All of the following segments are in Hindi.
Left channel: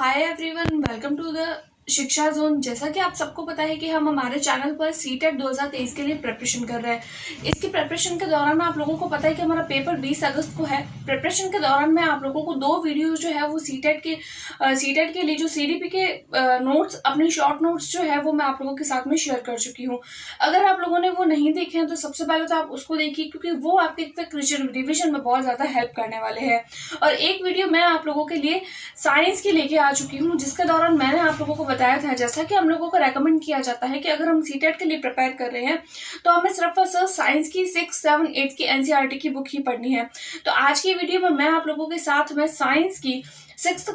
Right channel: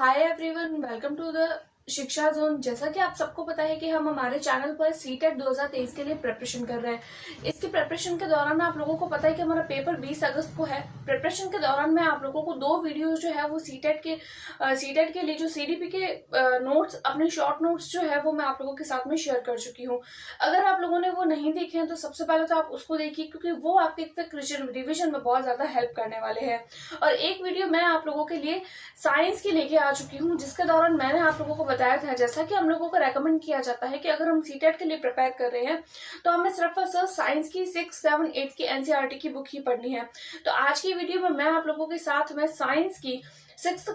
Hi everyone, welcome to the Shiksha zone. जैसा कि आप सबको पता है कि हम हमारे चैनल पर सीटेट 2023 के लिए प्रिपरेशन कर रहे हैं। इसकी प्रिपरेशन के दौरान आप लोगों को पता है कि हमारा पेपर 20 अगस्त को है। प्रिपरेशन के दौरान मैं आप लोगों को 2 वीडियो जो है वो सीटेट के लिए जो सीडीपी के नोट्स, अपने शॉर्ट नोट्स जो है वो मैं आप लोगों के साथ में शेयर कर चुकी हूँ। अगर आप लोगों ने वो नहीं देखे हैं तो सबसे पहले तो आप उसको देखिए, क्योंकि वो आपके क्विक रिविजन में बहुत ज़्यादा हेल्प करने वाले हैं। और एक वीडियो मैं आप लोगों के लिए साइंस की लेके आ चुकी हूँ, जिसके दौरान मैंने आप लोगों को बताया था, जैसा कि हम लोगों को रेकमेंड किया जाता है कि अगर हम सीटेट के लिए प्रिपेयर कर रहे हैं तो हमें सिर्फ और सिर्फ साइंस की 6, 7, 8 की एनसीईआरटी की बुक ही पढ़नी है। तो आज की वीडियो में मैं आप लोगों के साथ में साइंस की 6th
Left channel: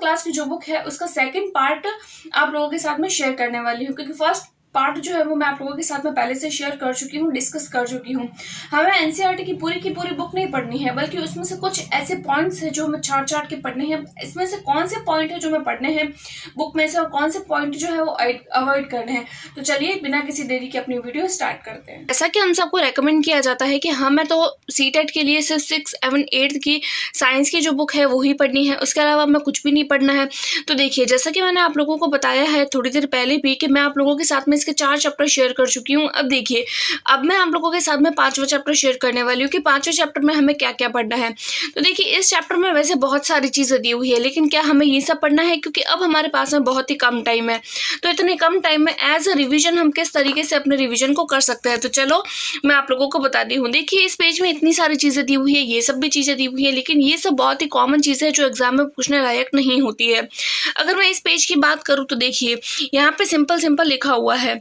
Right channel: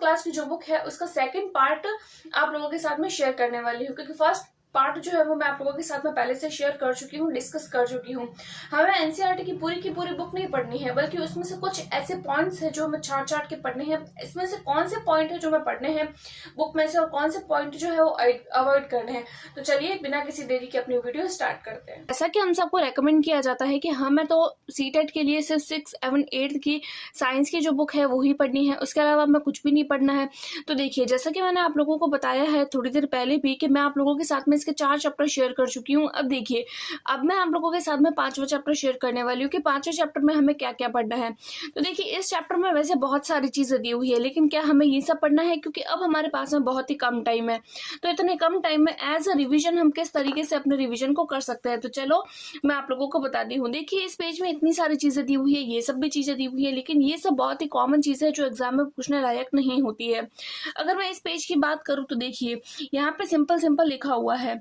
क्लास की जो बुक है उसका सेकंड पार्ट आप लोगों के साथ में शेयर करने वाली हूँ, क्योंकि फर्स्ट पार्ट जो है वो मैं आप लोगों के साथ में पहले से शेयर कर चुकी हूँ, डिस्कस कर चुकी हूँ। हमें एनसीईआरटी की पूरी बुक नहीं पढ़नी है, बल्कि उसमें से कुछ ऐसे पॉइंट्स हैं जो हमें छाट के पढ़ने हैं। इसमें से कौन से पॉइंट है जो हमें पढ़ने हैं बुक में से, और कौन से पॉइंट जो है वो अवॉइड करने हैं। तो चलिए बिना किसी देरी के अपनी वीडियो स्टार्ट करते हैं। जैसा कि हम सबको रेकमेंड किया जाता है कि हमें तो सीटेट के लिए सिर्फ 6, 7, 8 की साइंस की जो बुक है वो ही पढ़नी है, उसके अलावा हमें कुछ भी नहीं पढ़ना है। तो देखिए, जैसा कि मैंने आप लोगों को बताया है थोड़ी देर पहले भी कि मैं आप लोगों के साथ में इसके 4 चैप्टर शेयर कर चुकी हूँ। अब देखिए, अब मैं आप लोगों के साथ में 5वां चैप्टर शेयर करने वाली हूँ कि 5वें चैप्टर में हमें क्या क्या पढ़ना है। तो देखिए, इस चैप्टर में वैसे बहुत सारी चीज़ें दी हुई है, लेकिन क्या हमें ये सब पढ़ना है? क्योंकि अब हमारे पास में बहुत ही कम टाइम है। तो इतने कम टाइम में एज अ रिविजन हम किस तरीके से अपने रिविजन को कर सकते हैं, तो चलो मैं आप लोगों को बता दी हूँ। देखिए, इस पेज में इतनी सारी चीज़ें दी हुई है, ये सब भी चीज़ें दी हुई है, लेकिन ये सब बहुत ही कॉमन चीज़ें हैं जो एग्जाम में पूछने लायक नहीं होती है। अगर मैं इस पेज की बात करूँ तो देखिए, यहाँ पे सिंपल लिखा हुआ है,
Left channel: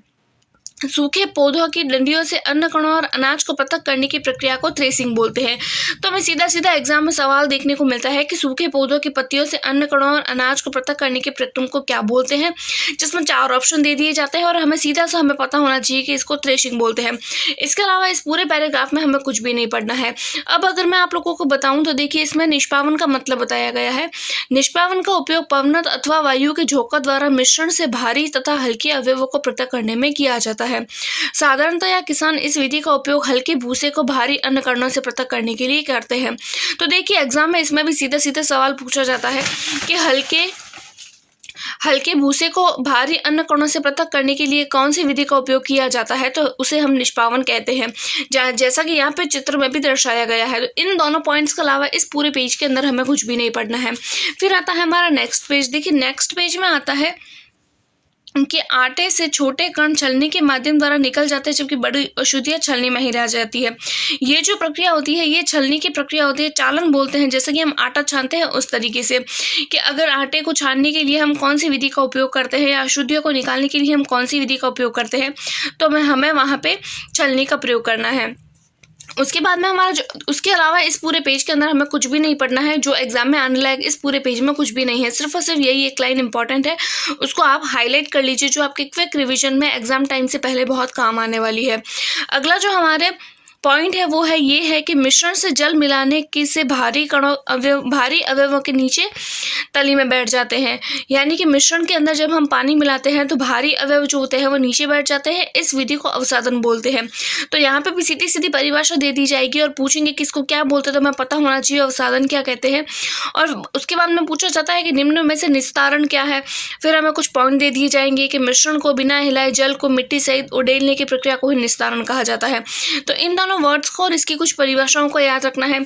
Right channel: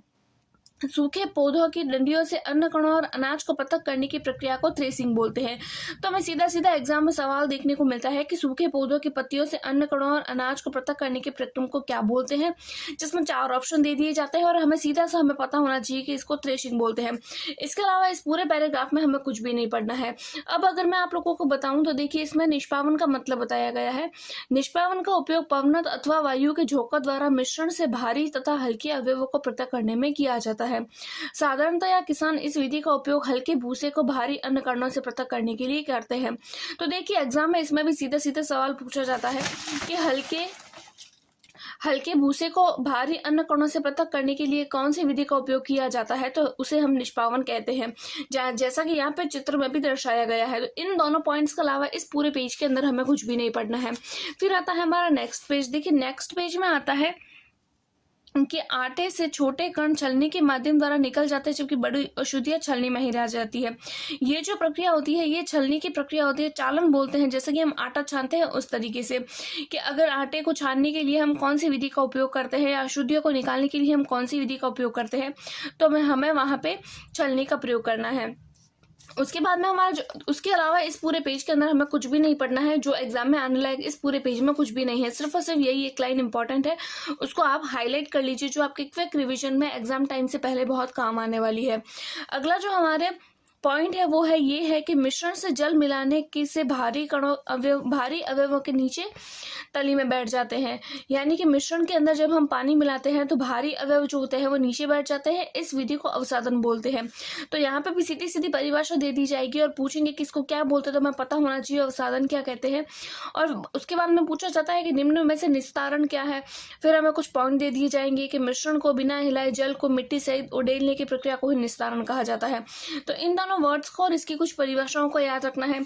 सूखे पौधों की डंडियों से अन्न कणों और अनाज को पृथक करने की प्रक्रिया को थ्रेसिंग बोलते हैं। तो हमें सीधा एग्जाम में सवाल देखने को मिलता है कि सूखे पौधों की पत्तियों से अन्न कणों और अनाज को पृथक करने की प्रक्रिया को क्या बोलते हैं, जिसमें 4 ऑप्शन दे दिए जाते हैं और हमें सीधा सा हमें पता होना चाहिए कि इसको थ्रेशिंग बोलते हैं। इसके अलावा इस पूरे पैराग्राफ में हमें कुछ भी नहीं पढ़ना है। अब अगर मैं आप लोगों को बताऊं तो देखिए, इसमें निष्पावन का मतलब बताया गया है। निष्पावन का उपयोग पवनत अथवा वायु के झोंका द्वारा मिश्रण से भारी तथा हल्के अवयवों को पृथक करने में किया जाता है। साधारणतया किसान इस विधि का उपयोग हल्के भूसे को भारी अन्न कणों से पृथक करने के लिए करते हैं। तो देखिए, एग्जाम में इसमें भी सीधा सवाल पूछा जाता है कि हल्के भूसे को भारी अन्न कणों से पृथक करने के लिए कौन सी विधि का उपयोग किया जाता है, तो उसे हम निष्पावन कहते हैं, जैसा कि यहाँ पे चित्र में भी दर्शाया गया है। तो इन दोनों पॉइंट्स के अलावा इस पूरे पेज के अंदर हमें कुछ भी नहीं पढ़ना है। फिर आता है हमारा नेक्स्ट पेज। देखिए, नेक्स्ट पेज में आता है कि आटे से छोटे कण छलनी के माध्यम द्वारा निकल जाते हैं, जबकि बड़ी अशुद्धियां छलनी में ही रह जाती है। ये जो प्रक्रिया होती है, ये छलनी की प्रक्रिया होती है, चालन बोलते हैं। जैसे कि हम आटा छानते हैं उस तरीके से, कि अगर आटे को छानने के लिए हम कौन सी विधि का उपयोग करते हैं या अशुद्धियों को निकालने के लिए हम कौन सी विधि का उपयोग करते हैं, तो हमें वहाँ पे छलनी का प्रयोग करना है। उसके बाद में उसके अलावा इस पूरे पेज के अंदर हमें कुछ भी नहीं पढ़ना है। जो एग्जाम में आने लायक इस पूरे पेज में कुछ भी नहीं है, सिर्फ और सिर्फ यही एक लाइन इंपॉर्टेंट है, उसको आप हाईलाइट कर लीजिए, जो आपके क्विक रिवीजन में एग्जाम टाइम से पहले बहुत काम आने वाली है। अगला जो हमारे पॉइंट है वो है ये है कि मिश्रण से जल मिलाने की से भारी अवयवों के नीचे तली में बैठ जाते हैं। यानी कि मिश्रण के अंदर जब हम पानी मिलाते हैं तो भारी अवयव जो होते हैं वो नीचे बैठ जाते हैं। इस विधि को अवसादन बोलते हैं। तो यहाँ पे भी सीधी परिभाषा दे दी जाएगी और पूछेंगे किसको क्या बोलते हैं, तो हमें पता होना चाहिए अवसादन क्या कहते हैं। और उसके बाद में पूछा जाता है कि निम्न में से निस्तारण क्या है। फिर हमें कुछ पॉइंट दे दिए जाएंगे कि मिश्रण को बिना हिलाए जल को मिट्टी सहित उड़ेलने की प्रक्रिया को ही निस्तारण कहा जाता है। तो इन दोनों वर्ड्स को और इसकी कुछ परिभाषाओं को याद रखना है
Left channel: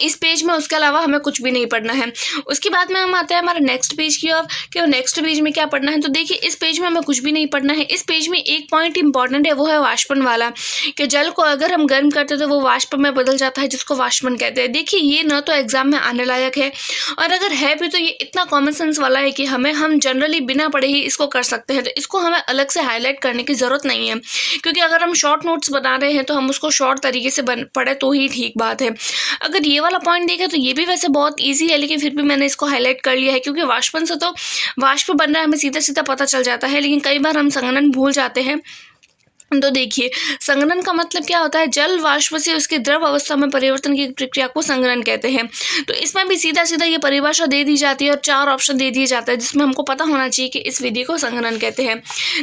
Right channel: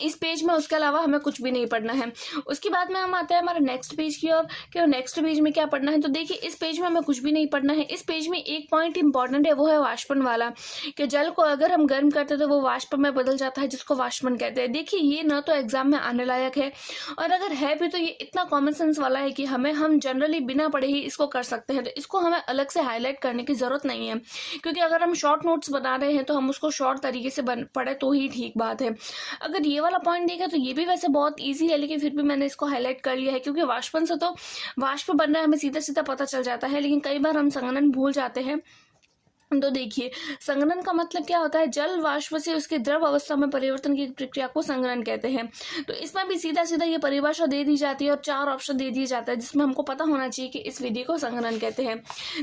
इस पेज में। उसके अलावा हमें कुछ भी नहीं पढ़ना है। उसके बाद में हम आते हैं हमारे नेक्स्ट पेज की ओर, कि नेक्स्ट पेज में क्या पढ़ना है। तो देखिए, इस पेज में हमें कुछ भी नहीं पढ़ना है। इस पेज में एक पॉइंट इंपॉर्टेंट है, वो है वाष्पन वाला, कि जल को अगर हम गर्म करते हैं तो वो वाष्प में बदल जाता है, जिसको वाष्पन कहते हैं। देखिए, ये ना तो एग्जाम में आने लायक है, और अगर है भी तो ये इतना कॉमन सेंस वाला है कि हम जनरली बिना पढ़े ही इसको कर सकते हैं। तो इसको हमें अलग से हाईलाइट करने की जरूरत नहीं है, क्योंकि अगर हम शॉर्ट नोट्स बना रहे हैं तो हम उसको शॉर्ट तरीके से पढ़े तो ही ठीक बात है। अगर ये वाला पॉइंट देखें तो ये भी वैसे बहुत इजी है, लेकिन फिर भी मैंने इसको हाईलाइट कर लिया है, क्योंकि वाष्पन से तो वाष्प बन रहा है हमें सीधा पता चल जाता है, लेकिन कई बार हम संघनन भूल जाते हैं। तो देखिए, संघनन का मतलब क्या होता है, जल वाष्प से उसके द्रव अवस्था में परिवर्तन की प्रक्रिया को संघनन कहते हैं। तो इसमें भी सीधा सीधा ये परिभाषा दे दी जाती है और 4 ऑप्शन दे दिए जाते हैं, जिसमें हमको पता होना चाहिए कि इस विधि को संघनन कहते हैं।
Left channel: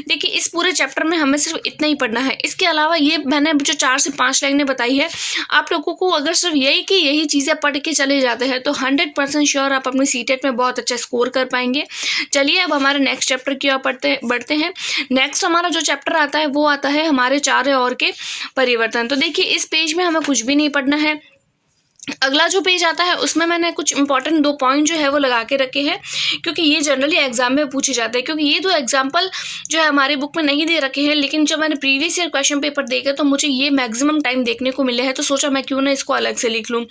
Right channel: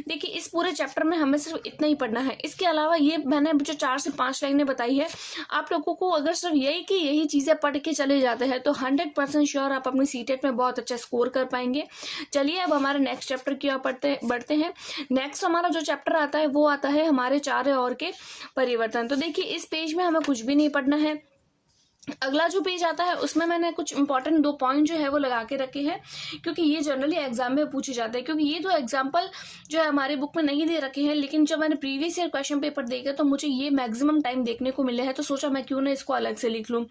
देखिए, इस पूरे चैप्टर में हमें सिर्फ इतना ही पढ़ना है। इसके अलावा ये मैंने जो 4 से 5 लाइनें बताई है, आप लोगों को अगर सिर्फ यही चीज़ें पढ़ के चले जाते हैं तो 100% श्योर आप अपनी सीटेट में बहुत अच्छा स्कोर कर पाएंगे। चलिए अब हमारे नेक्स्ट चैप्टर की ओर बढ़ते हैं। नेक्स्ट हमारा जो चैप्टर आता है वो आता है हमारे चार्य और के परिवर्तन। तो देखिए, इस पेज में हमें कुछ भी नहीं पढ़ना है। अगला जो पेज आता है उसमें मैंने कुछ इंपॉर्टेंट 2 पॉइंट जो है वो लगा के रखे हैं, क्योंकि ये जनरली एग्जाम में पूछे जाते हैं। क्योंकि ये 2 एग्जाम्पल जो है हमारी बुक में नहीं दे रखे हैं, लेकिन जब मैंने प्रीवियस ईयर क्वेश्चन पेपर देखे तो मुझे ये मैक्सिमम टाइम देखने को मिले हैं, तो सोचा मैं क्यों ना इसको अलग से लिख लूँ।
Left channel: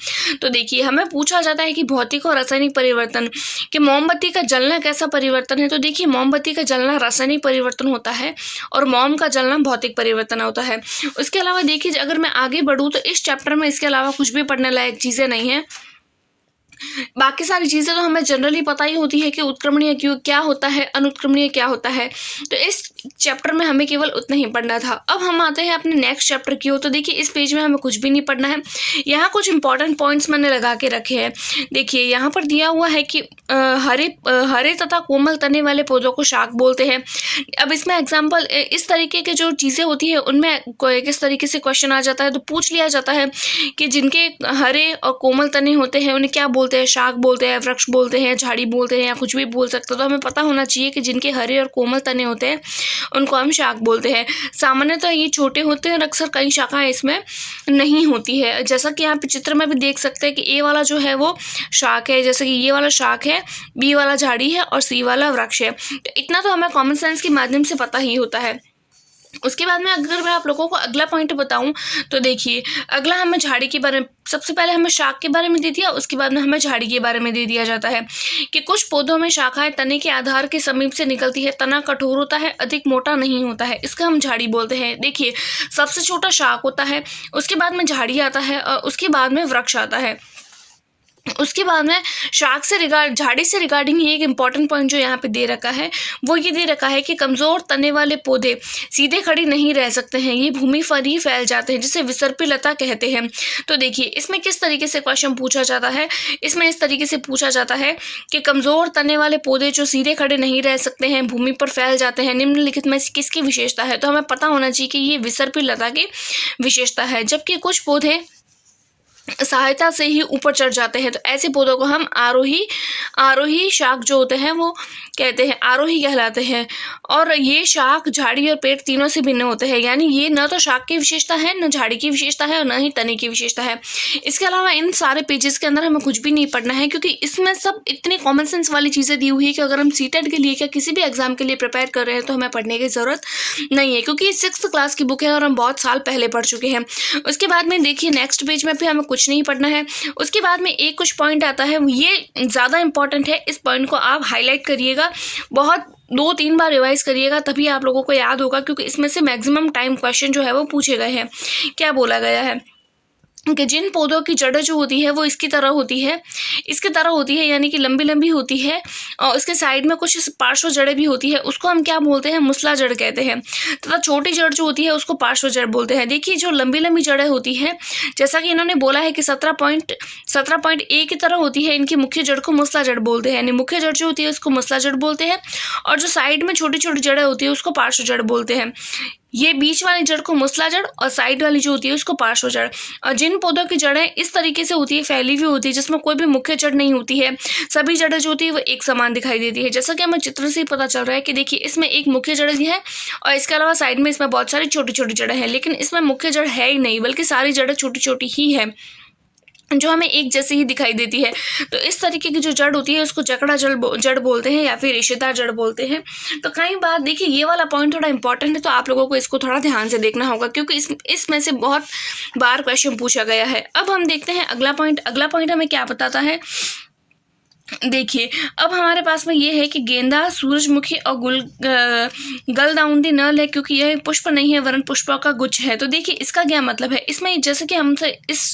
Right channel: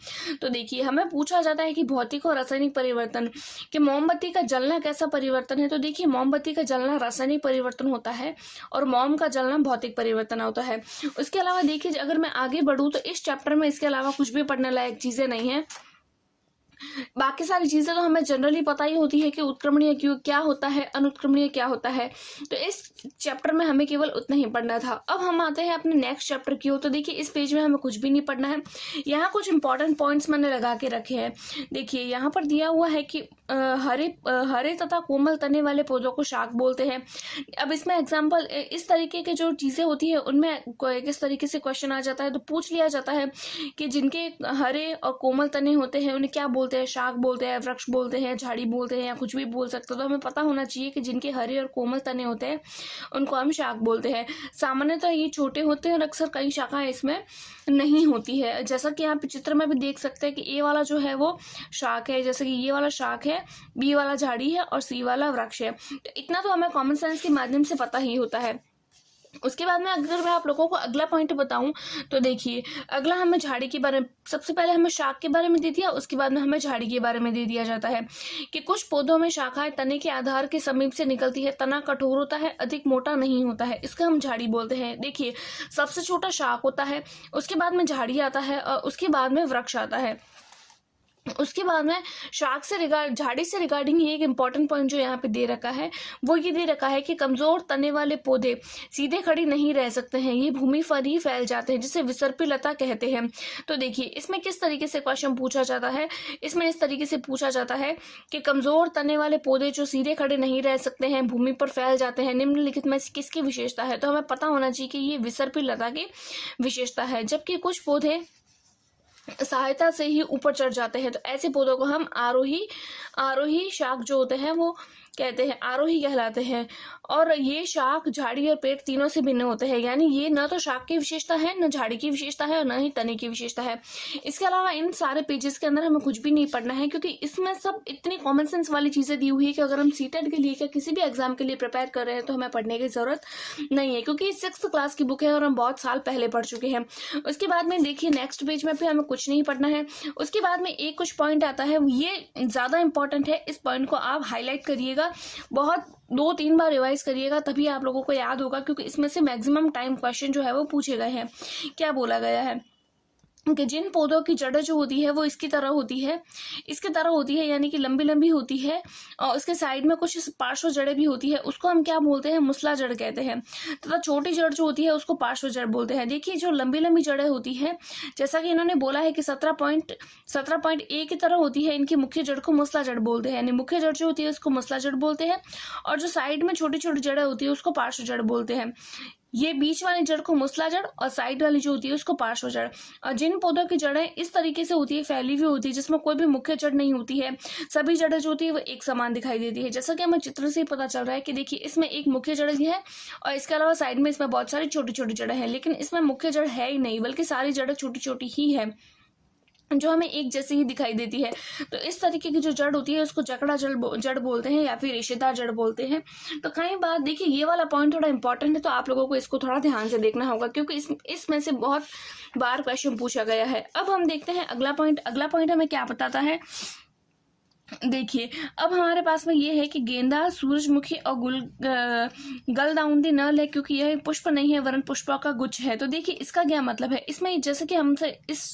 तो देखिए, हमें पूछा जाता है कि भौतिक और रासायनिक परिवर्तन कि मोमबत्ती का जलना कैसा परिवर्तन है। तो देखिए, मोमबत्ती का जलना रासायनिक परिवर्तन होता है और मोम का जलना भौतिक परिवर्तन होता है। उसके अलावा देखिए, अगर मैं आगे बढ़ूँ तो इस चैप्टर में इसके अलावा कुछ भी पढ़ने लायक चीज़ें नहीं है। बाकी सारी चीज़ें तो हमें जनरली पता ही होती है कि उत्क्रमणीय क्यों क्या होता है, अनुत्क्रमणीय क्या होता है। तो इस चैप्टर में हमें केवल उतना ही पढ़ना था। अब हम आते हैं अपने नेक्स्ट चैप्टर की ओर। तो देखिए, इस पेज में हमें कुछ भी नहीं पढ़ना है। यहाँ कुछ इंपॉर्टेंट पॉइंट्स मैंने लगा के रखे हैं। देखिए, यहाँ पर दिया हुआ है कि हरे तथा कोमल तने वाले पौधों को शाक बोलते हैं। अब इसमें एग्जाम्पल इस तरीके की जो चीज़ें होती है उनमें किस तरीके से क्वेश्चन आ जाता है, तो पूछ लिया जाता है कि जिनके हरे और कोमल तने होते हैं उन्हें क्या बोलते हैं, शाक बोलते हैं, वृक्ष बोलते हैं, झाड़ी बोलते हैं, या कुछ भी बोल सकते हो। तो हमें पता होना चाहिए कि जिनके हरे और कोमल तने होते हैं उनको हम शाक बोलते हैं। सामान्यतः ये छोटे होते हैं और अक्सर कई शाखाएं इसमें नहीं होती है। जैसा कि यहाँ पे चित्र में भी देख सकते हैं कि ए वाला जो है वो शाक है, जैसे कि ये वाला शाक है, बी वाला झाड़ी है और सी वाला वृक्ष है। तो इतना तो हमें कॉमन सेंस के माध्यम से पता ही होता है। उसके बाद में अगर मैं आप लोगों को अगला पॉइंट बताऊं तो देखिए, अगला हमें झाड़ी के बारे में, सबसे पहले हमें शाक के बारे में दे दिया, उसके बाद में हमें झाड़ी के बारे में दे दिया जाता है कि कुछ पौधों में शाखाएं तने के आधार के समीप से निकलती है, तना कठोर होता है, अधिक मोटा नहीं होता है, इसका हम झाड़ी बोलते हैं। देखिए, सबसे छोटा शाक होता है, उसके बाद में झाड़ी आता है और उसके बाद में वृक्ष आता है। उसके बाद में झाड़ी से रिगार्डिंग एक इम्पॉर्टेंट पॉइंट जो यहाँ पे दे रखा है वो ये दे रखा है कि कमज़ोर तने वाले पौधे सीधे खड़े नहीं रह सकते हैं, ये भूमि पर ही फैल जाते हैं, जिसे विसर्पी लता कहते हैं। तो देखिए, इसमें किस तरीके से क्वेश्चन पूछा जाता है, इसमें इस तरीके से पूछा जाता है कि कमज़ोर तने वाले पौधे जो सीधे खड़े नहीं रह सकते हैं, भूमि पर फैल जाते हैं, निम्नलिखित में किसकी विशेषता है। तो हमें पता होना चाहिए कि ये विसर्पी लता की विशेषता है। जबकि कुछ पौधे सहायता से ही ऊपर चढ़ जाते हैं, तो ऐसे पौधों को हम आरोही शाक जो होते हैं वो कहते हैं, आरोही कहलाते हैं। और ये शाक, झाड़ी और पेड़ तीनों से भिन्न होते हैं, यानी ये न तो शाक की विशेषता है, न झाड़ी की विशेषता है और न ही तने की विशेषता है। इसके अलावा इन सारे पेजेस के अंदर हमें कुछ भी नहीं पढ़ना है, क्योंकि इसमें सब इतनी कॉमन सेंस वाली चीज़ें दी हुई है कि अगर हम सीटेट के लिए या किसी भी एग्जाम के लिए प्रिपेयर कर रहे हैं तो हमें पढ़ने की ज़रूरत नहीं है, क्योंकि ये 6th क्लास की बुक है और हम बहुत साल पहले पढ़ चुके हैं। उसके बाद में देखिए, नेक्स्ट पेज में भी हमें कुछ नहीं पढ़ना है। उसके बाद में एक कुछ पॉइंट आता है, ये ज़्यादा इंपॉर्टेंट है, इस पॉइंट को आप हाईलाइट करिएगा, बहुत 2-3 बार रिवाइज करिएगा, तभी आप लोगों को याद होगा, क्योंकि इसमें से मैक्सिमम टाइम क्वेश्चन जो है वो पूछे गए हैं। क्या बोला गया है कि जिन पौधों की जड़ जो होती है वो इसकी तरह होती है, यानी कि लंबी लंबी होती है, और उसके साइड में कुछ पार्श्व जड़ें भी होती है, उसको हम क्या बोलते हैं, मुसला जड़ कहते हैं। तथा छोटी जड़ जो होती है उसको पार्श्व जड़ बोलते हैं। देखिए, जो लंबी लंबी जड़ें होती है, जैसा कि इन्होंने बोला है कि 17.A की तरह होती है, इनकी मुख्य जड़ को मुसला जड़ बोलते हैं, यानी मुख्य जड़ जो होती है उसको मुसला जड़ बोलते हैं, और जो साइड में छोटी छोटी जड़ें होती है उसको पार्श्व जड़ बोलते हैं। ये बीच वाली जड़ को मुसला जड़ और साइड वाली जो होती है उसको पार्श्व जड़। और जिन पौधों की जड़ें इस तरीके से होती है, फैली हुई होती है, जिसमें कोई भी मुख्य जड़ नहीं होती है, सभी जड़ें जो होती है वो एक समान दिखाई देती है। जैसा कि हमें चित्र से ही पता चल रहा है कि देखिए, इसमें एक मुख्य जड़ भी है और इसके अलावा साइड में इसमें बहुत सारी छोटी छोटी जड़ें हैं, लेकिन इसमें मुख्य जड़ है ही नहीं, बल्कि सारी जड़ें छोटी छोटी ही है जो हमें एक जैसी ही दिखाई देती है। तो इस तरीके की जो जड़ होती है उसको जकड़ा जड़ बोलते हैं या फिर रेशेदार जड़ बोलते हैं। तो कई बार देखिए, ये वाला पॉइंट थोड़ा इंपॉर्टेंट है, तो आप लोगों को इसको थोड़ा ध्यान से देखना होगा, क्योंकि इसमें से बहुत बार क्वेश्चन पूछा गया है। अब हम देखते हैं अगला पॉइंट हमें क्या बताता है। देखिए, अब हमारे पास में ये है कि गेंदा, सूरजमुखी और गलदाउंदी नल है, क्योंकि यह पुष्प नहीं है वरन पुष्पों का गुच्छ है। तो देखिए, इसका क्या मतलब है। इसमें जैसे कि हमसे इस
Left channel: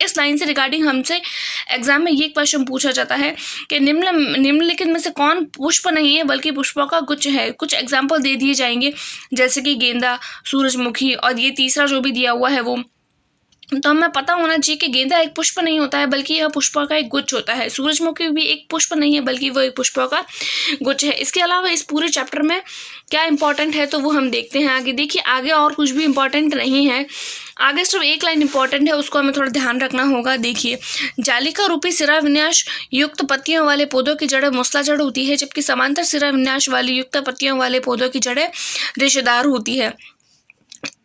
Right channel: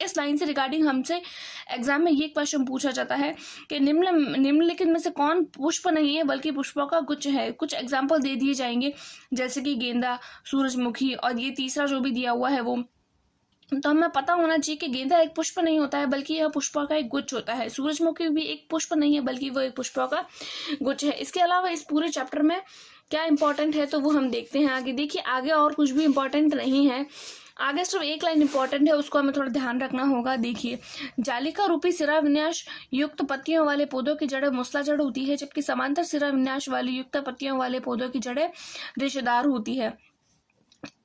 इस लाइन से रिगार्डिंग हमसे एग्जाम में ये क्वेश्चन पूछा जाता है कि निम्नलिखित में से कौन पुष्प नहीं है बल्कि पुष्पों का गुच्छ है। कुछ एग्जाम्पल दे दिए जाएंगे जैसे कि गेंदा, सूरजमुखी और ये तीसरा जो भी दिया हुआ है वो। तो हमें पता होना चाहिए कि गेंदा एक पुष्प नहीं होता है बल्कि यह पुष्पों का एक गुच्छ होता है। सूरजमुखी भी एक पुष्प नहीं है बल्कि वो एक पुष्पों का गुच्छ है। इसके अलावा इस पूरे चैप्टर में क्या इंपॉर्टेंट है तो वो हम देखते हैं आगे। देखिए आगे और कुछ भी इंपॉर्टेंट नहीं है, आगे सिर्फ एक लाइन इंपॉर्टेंट है, उसको हमें थोड़ा ध्यान रखना होगा। देखिए, जालिका रूपी सिरा विन्यास युक्त पत्तियों वाले पौधों की जड़ें मूसला जड़ होती है, जबकि समांतर सिरा विन्यास वाली युक्त पत्तियों वाले पौधों की जड़ें रेशेदार होती है।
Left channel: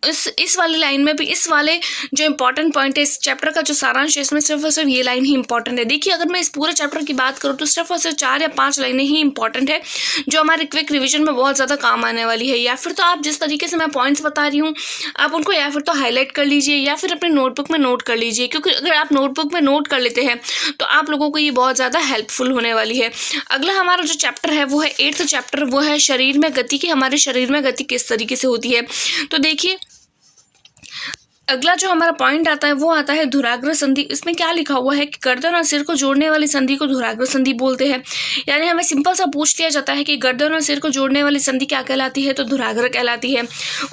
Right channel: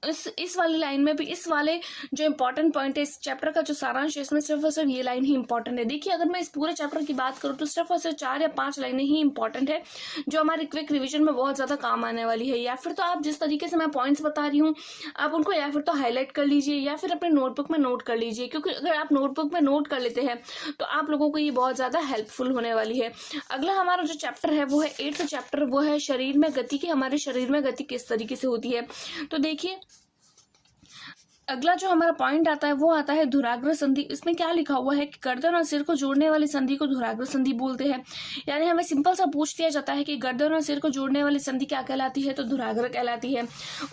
इस वाली लाइन में भी इस वाले जो इंपॉर्टेंट पॉइंट है, इस चैप्टर का जो सारांश है, इसमें सिर्फ और सिर्फ ये लाइन ही इंपॉर्टेंट है। देखिए अगर मैं इस पूरे चैप्टर की बात करूँ तो सिर्फ और सिर्फ 4 या 5 लाइनें ही इंपॉर्टेंट है जो हमारे क्विक रिवीजन में बहुत ज़्यादा काम आने वाली है। या फिर तो आप जिस तरीके से मैं पॉइंट्स बता रही हूँ आप उनको या फिर तो हाईलाइट कर लीजिए या फिर अपनी नोटबुक में नोट कर लीजिए, क्योंकि अगर आप नोटबुक में नोट कर लेते हैं तो आप लोगों को ये बहुत ज़्यादा हेल्पफुल होने वाली है। अगला हमारा जो चैप्टर है वो है 8th चैप्टर, वो है शरीर में गति की, हमारे शरीर में गति किस तरीके से होती है। तो देखिए अगला जो हमारा पॉइंट आता है वो आता है धुराग्र संधि। इसमें क्या लिखा हुआ है कि गर्दन और सिर को जोड़ने वाली संधि को धुराग्र संधि बोलते हैं। यानी हमें सिंपल सा पूछ लिया जाता है कि गर्दन और सिर को जोड़ने वाली संधि क्या कहलाती है, तो धुराग्र कहलाती है।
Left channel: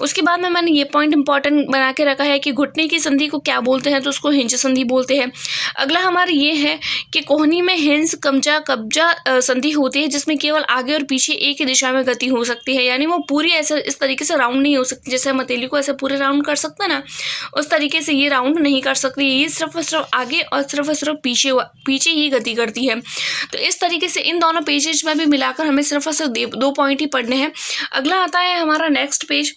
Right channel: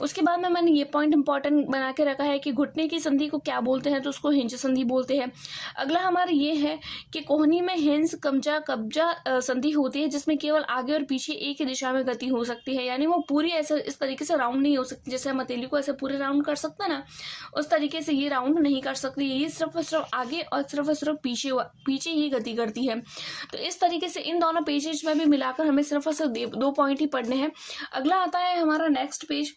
उसके बाद में मैंने ये पॉइंट इंपॉर्टेंट बना के रखा है कि घुटने की संधि को क्या बोलते हैं, तो उसको हिंज संधि बोलते हैं। अगला हमारा ये है कि कोहनी में हिंस कब्जा संधि होती है, जिसमें केवल आगे और पीछे एक ही दिशा में गति हो सकती है। यानी वो पूरी ऐसे इस तरीके से राउंड नहीं हो सकती, जैसे हम हथेली को ऐसे पूरे राउंड कर सकते हैं ना, उस तरीके से ये राउंड नहीं कर सकती। ये सिर्फ आगे और सिर्फ पीछे ही गति करती है। तो इस तरीके से इन दोनों पेजेज में भी मिलाकर हमें सिर्फ 2 पॉइंट ही पढ़ने हैं। अगला आता है हमारा नेक्स्ट पेज।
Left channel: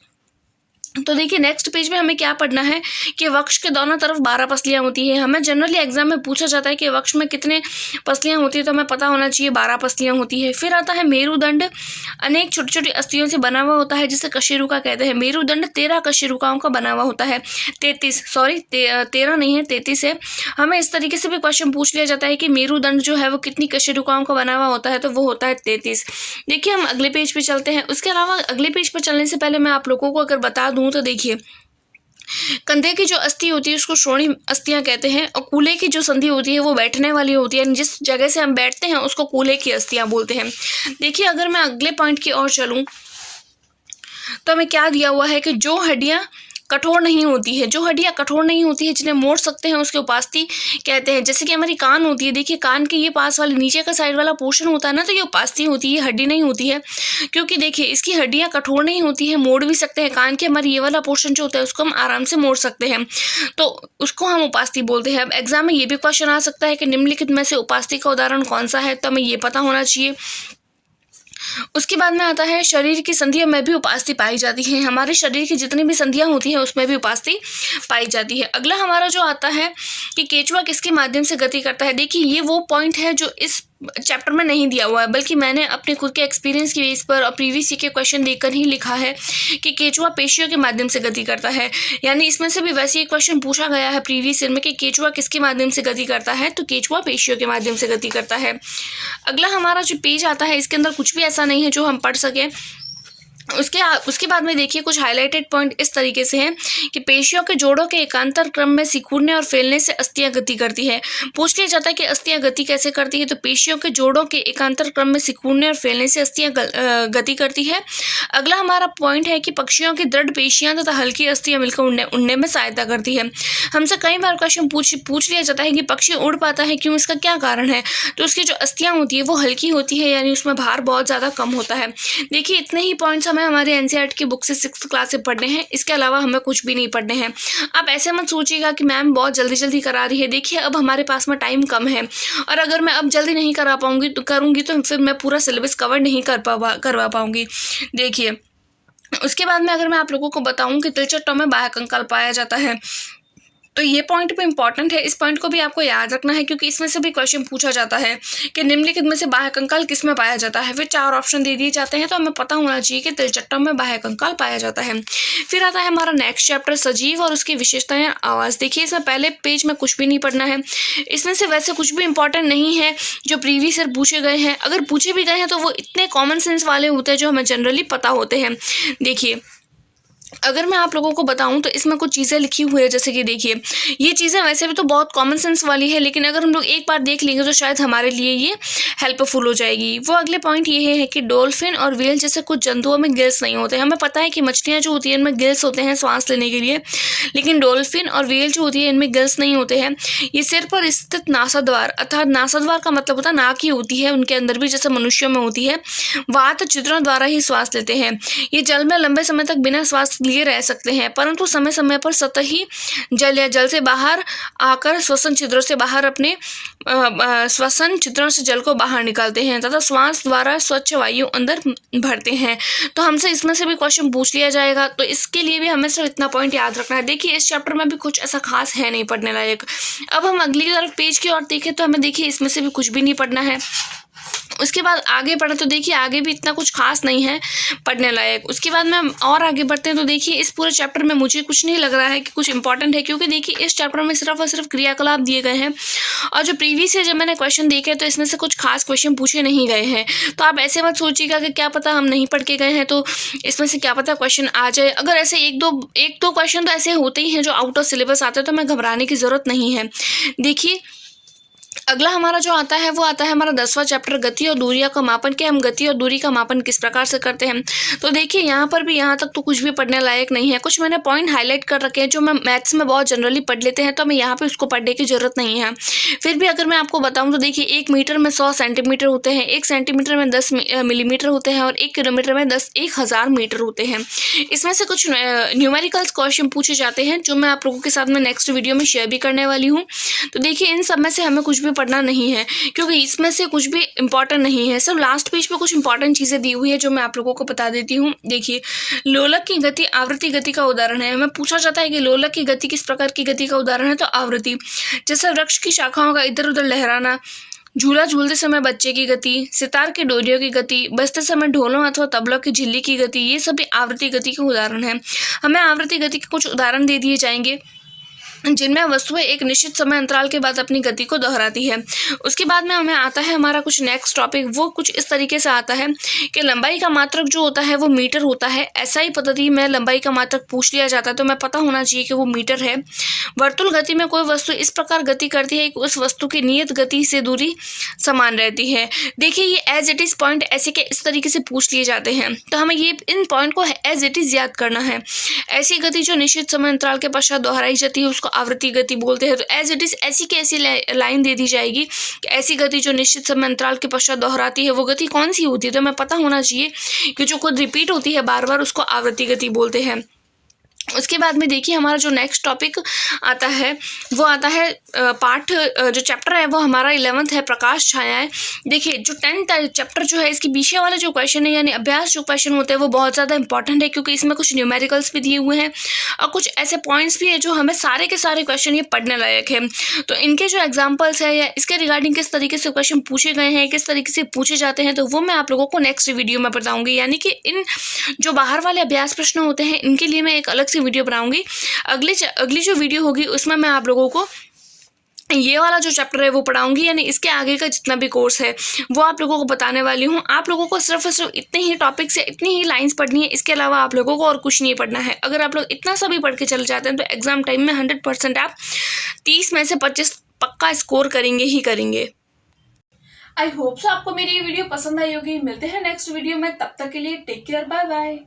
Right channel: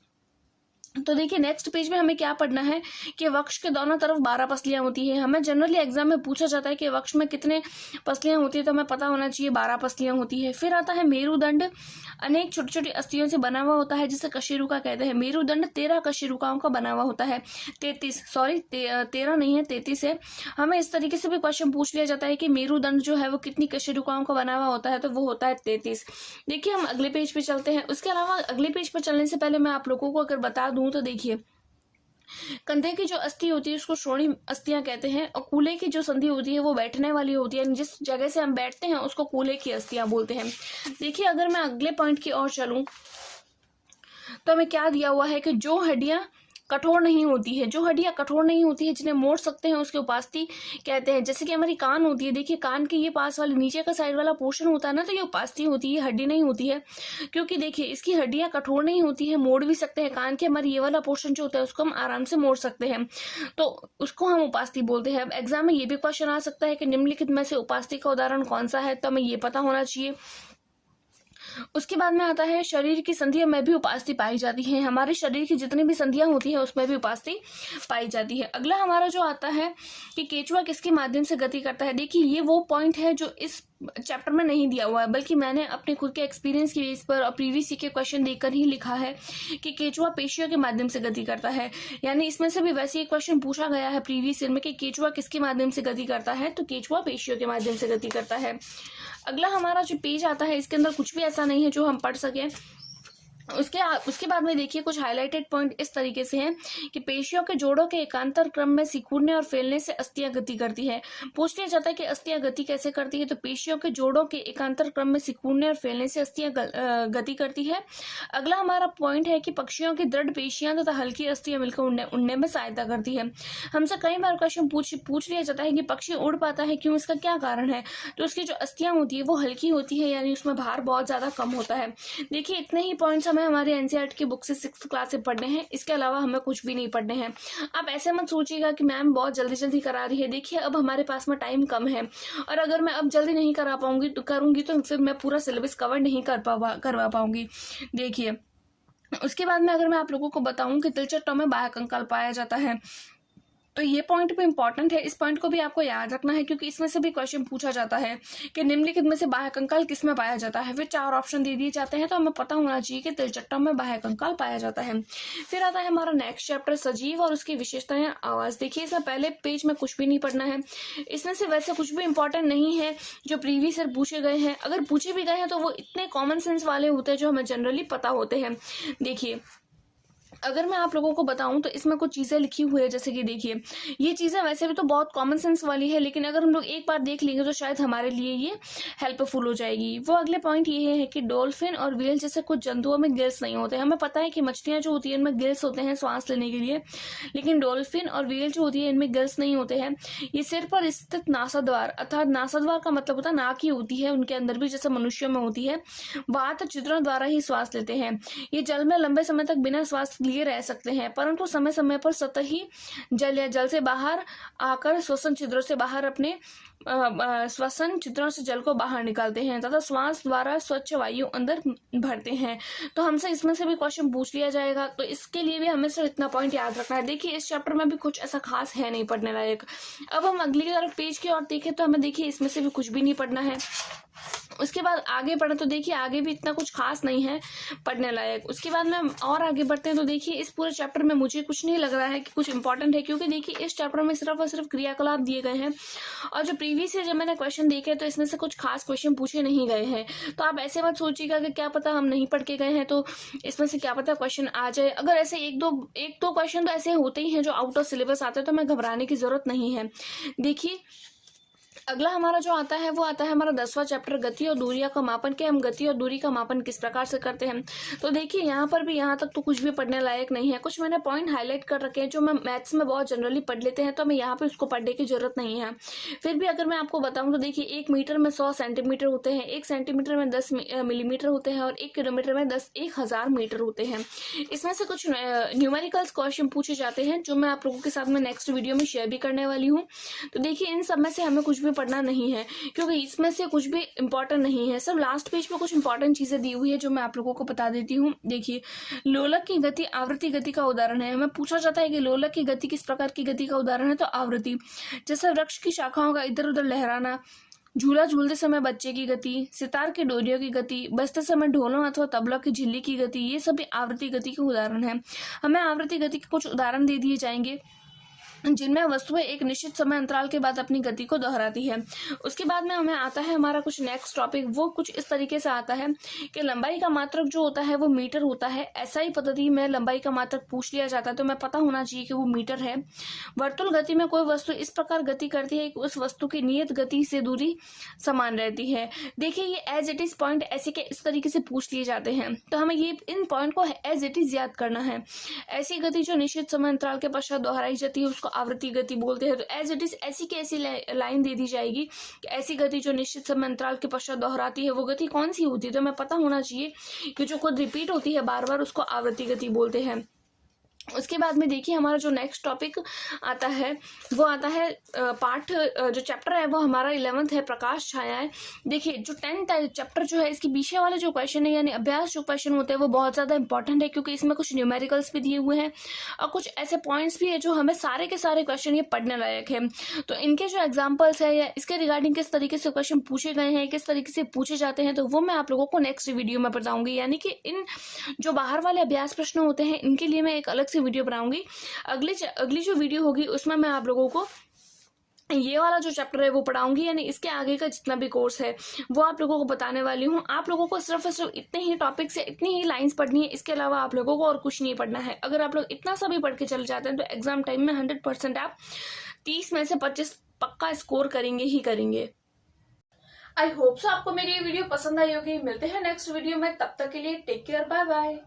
तो देखिए नेक्स्ट पेज में हमें क्या पढ़ना है कि वक्ष के दोनों तरफ 12 पसलियां होती है। हमें जनरली एग्जाम में पूछा जाता है कि वक्ष में कितने पसलियां होती है, तो हमें पता होना चाहिए 12 पसलियां होती है। फिर आता है मेरुदंड, अनेक छोटी छोटी अस्थियों से बना हुआ होता है जिसे कशेरुका कहते हैं। मेरुदंड 13 कशेरुकाओं का बना हुआ होता है। 13 नहीं है, 33 है। हमें इस तरीके से भी क्वेश्चन पूछ लिया जाता है कि मेरुदंड जो है वो कितनी कशेरुकाओं का बना हुआ होता है, तो वो होता है 33। देखिए हम अगले पेज पे चलते हैं। उसके अलावा अगले पेज पे चलने से पहले मैं आप लोगों को अगर बता दूं तो देखिए कंधे की जो अस्थि होती है उसको श्रोणी अस्थियां कहते हैं, और कूल्हे की जो संधि होती है वो बैठने वाली होती है। जिस जगह से हम बैठते हैं उसको कूल्हे की अस्थियां बोलते हैं। देखिए अगर मैं अगले पॉइंट की ओर चलूं तो हमें क्या दिया हुआ है कि जो हड्डियां कठोर नहीं होती है, जो हड्डियां कठोर नहीं होती है, जिन्हें मोड़ सकते हैं, उसके उपास्थि कहते हैं। जैसे कि हमारी कान होती है, देखिए कान के ये पास वाले नीचे का साइड वाला पोर्शन होता है ना, तो ये उपास्थि होती है, हड्डी नहीं होती है। क्योंकि देखिए इसकी हड्डियां कठोर नहीं होती है, मोड़ भी सकते हैं। कान के हमारे ये वाला पोर्शन जो होता है उसको हम आराम से मोड़ सकते हैं, तो उसको हम उपास्थि बोलते हैं। अब एग्जाम में ये भी क्वेश्चन आ सकता है कि निम्नलिखित में से उपास्थि का उदाहरण कौन सा है, तो हमें ये पता होना चाहिए। उसके बाद में आता है शरीर की संधियों में भी उपास्थि पाई जाती है। हमारे शरीर की जितनी भी संधियां होती हैं उसमें भी उपास्थि पाई जाती है। अगला हमारा जो आता है कि केचुआ किसके माध्यम से गति करता है। देखिए ये वो पॉइंट है जो इस चैप्टर में नहीं दिया हुआ है, बल्कि मैंने अपने खुद के एक्सपीरियंस की बेस पर और प्रीवियस के क्वेश्चन देखकर ही लिखा है कि केचुआ पेशियों के माध्यम से गति करता है। यानी इसमें से भी वैसे एक क्वेश्चन पूछा गया है प्रीवियस ईयर में कि केचुआ किसके माध्यम से गति करता है, तो केचुआ पेशियों के माध्यम से गति करता है। अगला हमारा जो पेज आता है इसके अंदर कुछ भी ऐसा नहीं है जो हम पढ़ सकें। उसके बाद में देखिए कुछ हाईलाइटेड पॉइंट इस तरीके से हैं कि पेशियों के जोड़ों के एकांतर क्रम में सिकुड़ने और फैलने से अस्थियां गति करती है। पूछ लिया जाता है कि अस्थियां गति कैसे करती है, तो पेशियों के जोड़ों के एकांतर क्रम में सिकुड़ने और फैलने से अस्थियां गति करती है। अगला हमारा पॉइंट है कि पक्षियों की दृढ़ पेशियां तथा हल्की अस्थियां मिलकर उड़ने में सहायता करती है। हमसे कई बार क्वेश्चन पूछ लिया जाता है कि पक्षी उड़ पाता है क्यों, इसका क्या कारण है, तो उसकी जो अस्थियां होती है वो हल्की होती है, यानी उसमें भार बहुत ज़्यादा कम होता है। देखिए इतने ही पॉइंट्स हमें हमारे एनसीईआरटी की बुक से 6th क्लास से पढ़ने हैं, इसके अलावा हमें कुछ भी नहीं पढ़ने हैं। आप ऐसे मत सोचिएगा कि मैम बहुत जल्दी करा रही है। देखिए अब हमारे पास में टाइम कम है, और अगर मैं अब जल्दी नहीं करूँगी तो फिर मैं पूरा सिलेबस कवर नहीं करवा पाऊँगी। देखिए उसके बाद में अगर मैं आप लोगों को बताऊँ कि तिलचट्टों में बाह्य कंकाल पाया जाता है, तो ये पॉइंट भी इंपॉर्टेंट है। इस पॉइंट को भी आपको याद रखना है, क्योंकि इसमें से भी क्वेश्चन पूछा जाता है कि निम्नलिखित में से बाह्य कंकाल किस में पाया जाता है। फिर 4 ऑप्शन दे दिए जाते हैं, तो हमें पता होना चाहिए कि तिलचट्टों में बाह्य कंकाल पाया जाता है। फिर आता है हमारा नेक्स्ट चैप्टर सजीव और उसकी विशेषताएं आवाज़। देखिए इसमें पहले पेज में कुछ भी नहीं पढ़ना है, इसमें से वैसे कुछ भी इंपॉर्टेंट नहीं है जो प्रीवियस ईयर पूछे गए हैं। अगर पूछे भी गए हैं तो वो इतने कॉमन सेंस वाले होते हैं जो हमें जनरली पता होते हैं। देखिए अगर मैं आप लोगों को बताऊं तो इसमें कुछ चीज़ें लिखी हुई है, जैसे कि देखिए ये चीज़ें वैसे भी तो बहुत कॉमन सेंस वाली है, लेकिन अगर हम लोग एक बार देख लेंगे तो शायद हमारे लिए ये हेल्पफुल हो जाएगी। वो अगले पॉइंट ये है कि डॉल्फिन और व्हेल जैसे कुछ जंतुओं में गिल्स नहीं होते। हमें पता है कि मछलियाँ जो होती हैं इनमें गिल्स होते हैं सांस लेने के लिए, लेकिन डॉल्फिन और व्हेल जो होती है इनमें गिल्स नहीं होते हैं। ये सिर पर स्थित नासाद्वार, अर्थात नासाद्वार का मतलब होता है नाक ही होती है उनके अंदर भी, जैसे मनुष्यों में होती है, वात छिद्रों द्वारा ही श्वास लेते हैं। ये जल में लंबे समय तक बिना श्वास लिए रह सकते हैं, परंतु समय समय पर सतही जल या जल से बाहर आकर श्वसन छिद्रों से बाहर अपने श्वसन छिद्रों से जल को बाहर निकालते हैं तथा श्वास द्वारा स्वच्छ वायु अंदर भरते हैं। तो हमसे इसमें से भी क्वेश्चन पूछ लिया जाएगा, तो इसके लिए भी हमें सिर्फ इतना पॉइंट याद रखना है। देखिए इस चैप्टर में भी कुछ ऐसा खास है नहीं पढ़ने लायक। अब हम अगली तरफ पेज की ओर देखें तो हमें देखिए इसमें से भी कुछ भी नहीं पढ़ना है। उसके बाद आगे बढ़े तो देखिए आगे भी इतना कुछ खास नहीं है पढ़ने लायक। उसके बाद में और आगे बढ़ते हैं तो देखिए इस पूरे चैप्टर में मुझे कुछ नहीं लग रहा है कि कुछ इंपॉर्टेंट है, क्योंकि देखिए इस चैप्टर में सिर्फ और सिर्फ क्रियाकलाप दिए गए हैं, और जो प्रीवियस है जब मैंने क्वेश्चन देखे तो इसमें से कुछ खास क्वेश्चन पूछे नहीं गए हैं। तो आप ऐसे मत सोचिएगा कि क्या पता हम नहीं पढ़ के गए हैं तो इसमें से क्या पता क्वेश्चन आ जाए। अगर ऐसे एक दो क्वेश्चन तो ऐसे होते ही हैं जो आउट ऑफ सिलेबस आते हैं, तो हमें घबराने की ज़रूरत नहीं है। देखिए अगला हमारा जो आता है वो आता है हमारा 10वां चैप्टर, गति और दूरियों का मापन, कि हम गति और दूरी का मापन किस प्रकार से करते हैं। तो देखिए यहाँ पर भी यहाँ तक तो कुछ भी पढ़ने लायक नहीं है। कुछ मैंने पॉइंट हाईलाइट कर रखे हैं जो मैं मैथ्स में बहुत जनरली पढ़ लेते हैं, तो हमें यहाँ पे उसको पढ़ने की जरूरत नहीं है। फिर भी अगर मैं आपको बताऊँ तो देखिए 1 मीटर में 100 सेंटीमीटर होते हैं, 1 सेंटीमीटर में 10 मिलीमीटर होते हैं, और 1 किलोमीटर में 1000 मीटर होते हैं। इसमें से कुछ न्यूमेरिकल्स क्वेश्चन पूछे जाते हैं जो मैं आप लोगों के साथ में नेक्स्ट वीडियो में शेयर भी करने वाली हूँ। तो देखिए इन सब में से हमें कुछ भी पढ़ना नहीं है, क्योंकि इसमें से कुछ भी इंपॉर्टेंट नहीं है। सिर्फ लास्ट पेज पे कुछ इंपॉर्टेंट चीज़ें दी हुई है जो मैं आप लोगों को बता देती हूँ। देखिए लोलक की गति आवृत्ति गति का उदाहरण है। हमें पूछा जाता है कि लोलक की गति किस प्रकार की गति का उदाहरण है, तो आवृत्ति। जैसे वृक्ष की शाखाओं का इधर उधर लहराना, झूला झूलते समय बच्चे की गति, सितार की डोरियों की गति, बजते समय ढोलों अथवा तबलों की झिल्ली की गति, ये सभी आवृत्ति गति के उदाहरण हैं। हमें आवृत्ति गति के कुछ उदाहरण दे दिए जाएंगे जिनमें वस्तुएं एक निश्चित समय अंतराल के बाद अपनी गति को दोहराती है। उसके बाद में हमें आता है हमारा कुछ नेक्स्ट टॉपिक, वो कुछ इस तरीके से आता है कि लंबाई का मात्रक जो होता है वो मीटर होता है। ऐसा ही पद्धति में लंबाई का मात्रक पूछ लिया जाता है तो हमें पता होना चाहिए कि वो मीटर है। वर्तुल गति में कोई वस्तु इस प्रकार गति करती है कि उस वस्तु की नियत गति से दूरी समान रहती है। देखिए ये एज इट इज पॉइंट ऐसे के इस तरीके से पूछ लिए जाते हैं, तो हमें ये इन पॉइंट को एज इट इज याद करना है। ऐसी गति जो निश्चित समय अंतराल के पश्चात दोहराई जाती है उसको आवृत्ति गति बोलते हैं। तो एज इट इज ऐसी की ऐसी लाइन दे दी जाएगी कि ऐसी गति जो निश्चित समय अंतराल के पश्चात दोहराती है वो गति कौन सी होती है, तो हमें पता होना चाहिए कि जो खुद रिपीट होती है बार बार उसको आवृत्ति गति बोलते हैं। उसके बाद में देखिए हमारा जो नेक्स्ट टॉपिक आता है वो आता है पार्ट, जो चैप्टर है वो हमारा 11th है, प्रकाश छायाएं। देखिए जो 10th चैप्टर जो है इसके पीछे वाले जो क्वेश्चन है यानी अभ्यास जो क्वेश्चन होते हैं वो बहुत ज़्यादा इंपॉर्टेंट है, क्योंकि इसमें कुछ न्यूमेरिकल्स भी दिए हुए हैं और कुछ ऐसे पॉइंट्स भी है जो हमें सारे के सारे क्वेश्चन ये पढ़ने लायक है। तो इनके जो एग्जाम्पल्स है या इसके रिगार्डिंग किस तरीके से क्वेश्चन पूछे गए हैं, किस तरीके से पूछे जाते हैं, तो वो मैं आप लोगों को नेक्स्ट वीडियो में बताऊँगी। यानी कि इन जो बाहर वाले अभ्यास प्रश्न होते हैं इनके लिए मैं एक अलग से वीडियो बनाऊंगी। अगली जो वीडियो होगी उसमें मैं आप लोगों को ये वाला जो चैप्टर है वो पढ़ाऊंगी, यानी इसके आगे का जितना भी कोर्स है वो आप लोगों को बताने वाली हूँ। आप लोगों को सिर्फ और सिर्फ इतने ही टॉपिक्स है, इतनी ही लाइंस पढ़नी है, इसके अलावा आप लोगों को और कुछ नहीं पढ़ना है। अगर आप लोग इतना सा भी पढ़ के चले जाते हैं तो एग्जाम टाइम में 100% आप 30 में से 25 पक्का स्कोर करेंगे ही करेंगे। आई होप सो आपको मेरी ये वीडियो पसंद आई होगी। मिलते हैं नेक्स्ट वीडियो में, तब तक के लिए टेक केयर, बाय बाय।